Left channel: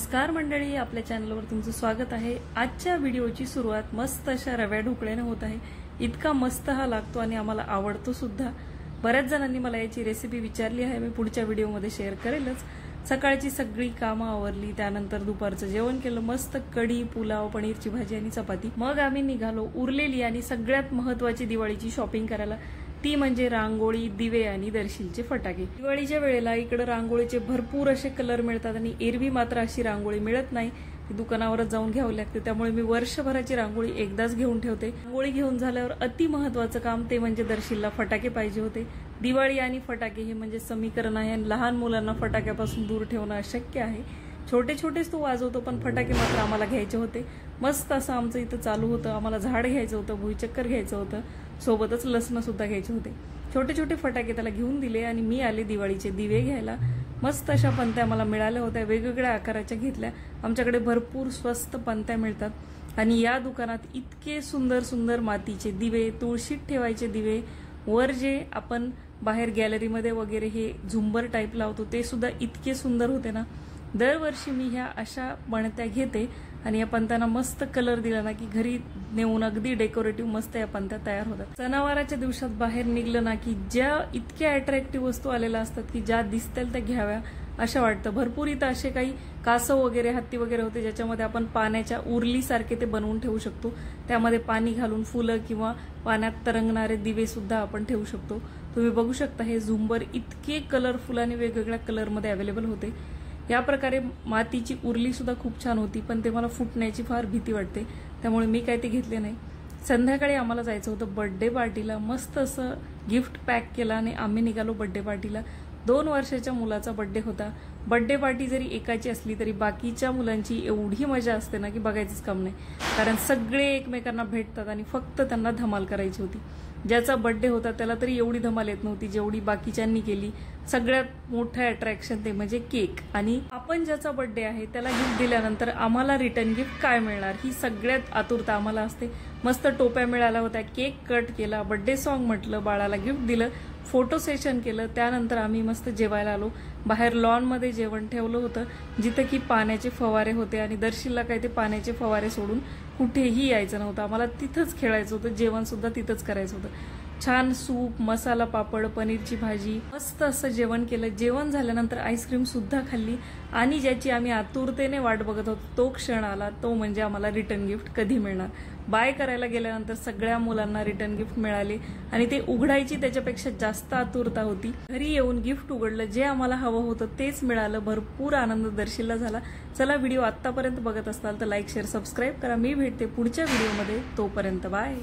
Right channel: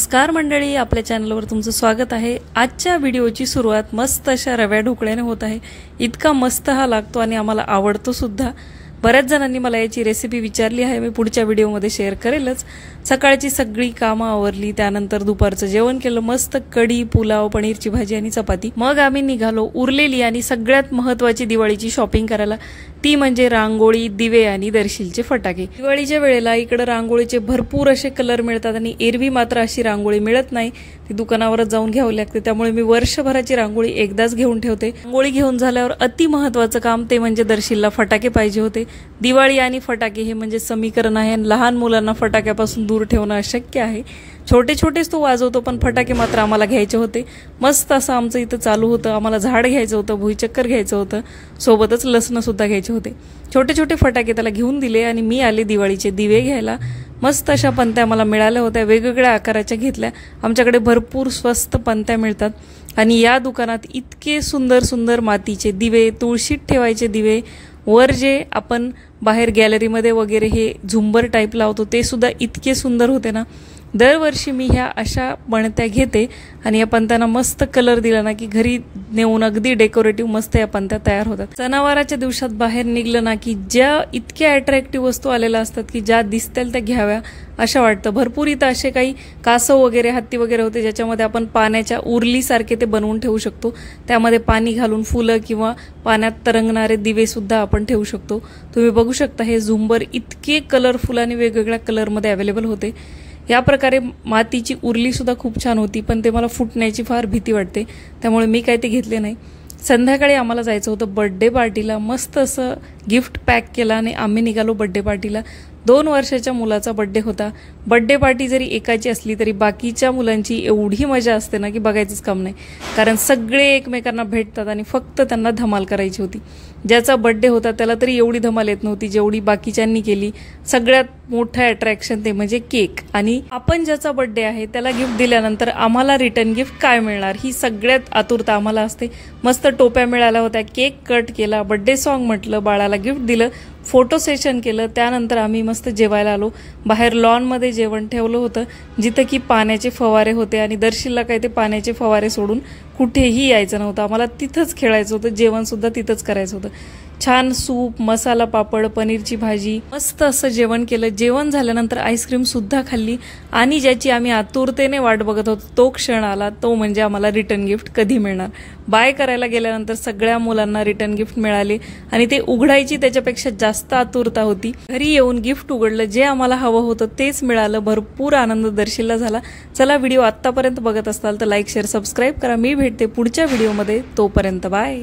नमस्कार मंडळी, आपल्या चॅनलवर तुमचं स्वागत आहे। आजच्या व्हिडिओची सुरुवात मस्त अशा रव्या ढोकळ्याने होत आहे। इतका मस्त हा लागतो आणि आम्हाला आवडतो सुद्धा। बऱ्याच जणांनी मला याची रेसिपी विचारली आहे, मी पुढच्या व्हिडिओमध्ये शेअर करेलच। सकाळची सगळी कामं आवरली, त्यानंतर दुपारचं जेवण केलं, मस्त कढी, पुलाव, पनीरची भाजी आणि चपाती। मग आम्ही निघालो उरलेली आणि सगळ्यात महत्त्वाची दिवाळीची शॉपिंग करायला, ती म्हणजे रांगोळी, दिवे आणि दर्शीलचे फटाके। दिवाळीच्या वेळेला इकडे रांगोळीचे भरपूर असे कलर मिळतात आणि एरवी मात्र अशी रांगोळी मिळत नाही, ती दुकानावरच जाऊन घ्यावी लागते। त्यामुळे मी वर्षभराची रांगोळी एकदाच घेऊन ठेवते। रांगोळी घेऊन झाल्यावर अति महत्त्वाचं काम ते म्हणजे दर्शीलला फटाके पाहिजे होते। दिवाळी आणि फटाके हे म्हणजे समीकरण आहे। लहान मुलांना फटाक्यापासून दूर ठेवणं अशक्य आहे। छोटे छोटेच तो वाजवतो, पण फटाके मात्र आम्हाला घ्यायचे होते। मस्त असं आमचं इथं चालू होतं। आम्हाला झाड घ्यायचं होतं, भुईचक्कर घ्यायचं होतं, सोबतच लसणं सुद्धा घ्यायचे होते। छोटे छोटे फटाके त्याला घेऊन दिले आणि मी आले दिवाळीचे दिवे घ्यायला। मस्त अशा पंत्या मला मिळाल्या होत्या, वेगवेगळ्या आकाराच्या घेतल्या। आमच्याकडे भरपूर स्वस्त पंत्या मिळतात आणि या दुकानात इतके सुंदर सुंदर मातीचे दिवे, तुळशीत ठेवायचे दिवे, वर जे आपण बाहेर गॅलरीमध्ये वगैरे हे झुंबर टाईप लावतो ते सुद्धा इतके सुंदर होते ना। दरवर्षी मी ह्या अशा पणत्या घेते आणि या पंत्यांना मस्त कलर दिला ना की घरी नेऊन अगदी डेकोरेटिव्ह मस्त या पंत्या तयार होतात। सणावाराच्या दिवसात बाहेर निघलं ना की ज्या इतक्या अट्रॅक्टिव्ह वस्तू आलेल्या असतात की ज्या दिसतील त्या घ्याव्या असं वाटतं। भरपूर इथं असे काही कासव वगैरे, हत्ती वगैरे होते ज्याच्यामध्ये आपण पाण्याच्या उरलीसारखे ते बनवून ठेवू शकतो। त्यामध्ये पाणी घालून फुलं किंवा पाण्यात तरंगणारे दिवे सुद्धा आपण ठेवू शकतो। तुम्ही बघू शकता हे झुंबर इतके कलरफुल आणि वेगवेगळ्या कलरमध्ये अवेलेबल होते। या प्रकारे मातीची उरली सुद्धा खूप छान होती, पण ते मला फुटण्याची फार भीती वाटते, त्यामुळे मी काही ते घेतले नाही। संध्याकाळी आम्हाला जायचं होतं बर्थडे पार्टीला। मस्त असं गिफ्ट पॅक केला आणि आम्ही निघालो बर्थडे पार्टीला। 2 वर्षाच्या मुलाचा बर्थडे होता। बर्थडे पार्टी जरी एकाची असली तरी बाकीच्या मुलांची एवढी मजा असते ना की बघायचंच काम नाही, कारण सगळे एकमेकांना भेटतात आणि फक्त त्यांना धमाल करायची होती। ज्याचा बर्थडे होता त्याला तरी एवढी धमाल येत नव्हती जेवढी बाकीच्यांनी केली। सगळ्यात मोठं अट्रॅक्शन ते म्हणजे केक, आणि आपण ज्याचा बर्थडे आहे त्याला गिफ्ट दिल्यानंतर आम्हाला रिटर्न गिफ्ट काय मिळणार ही सगळ्यात आतुरता आम्हाला असते। मस्त टोप्या मिळाल्या होत्या, केक कट केला, बर्थडे सॉन्ग म्हटलं, बाळाला गिफ्ट दिलं, फोटो सेशन केलं। त्यानंतर आम्ही मस्त जेवायला आलो। बाहेर लॉनमध्ये जेवण ठेवलं होतं जिथं की पाण्याचे फवारे होते आणि दर्शीलला काय ते पाण्याचे फवारे सोडून कुठेही यायचं नव्हतं। आम्हाला तिथंच खेळायचं होतं, जेवण सुद्धा तिथंच करायचं होतं। छान सूप, मसाला पापड, पनीरची भाजी, मस्त असं जेवण केलं। जेवण झाल्यानंतर आईस्क्रीम सुद्धा खाल्ली आणि ज्याची आम्ही आतुरतेने वाट बघत होतो तो क्षण आला, तो म्हणजे आम्हाला रिटर्न गिफ्ट कधी मिळणार। बाय करायला गेल्यानंतर सगळ्या मुलांना रिटर्न गिफ्ट मिळाले आणि ते उघडायची त्याच्यापेक्षा जास्त आतुरता होती। घरी येऊन गिफ्ट उघडलं, जे आम्हाला हवं होतं तेच मिळालं। भरपूर आनंद दर्शीलला झाला। चला, व्हिडिओ आत्तापर्यंत बघत असाल तर लाईक, शेअर, सबस्क्राईब करा। मी भेटते पुढच्या व्हिडिओमध्ये, तोपर्यंत बाय।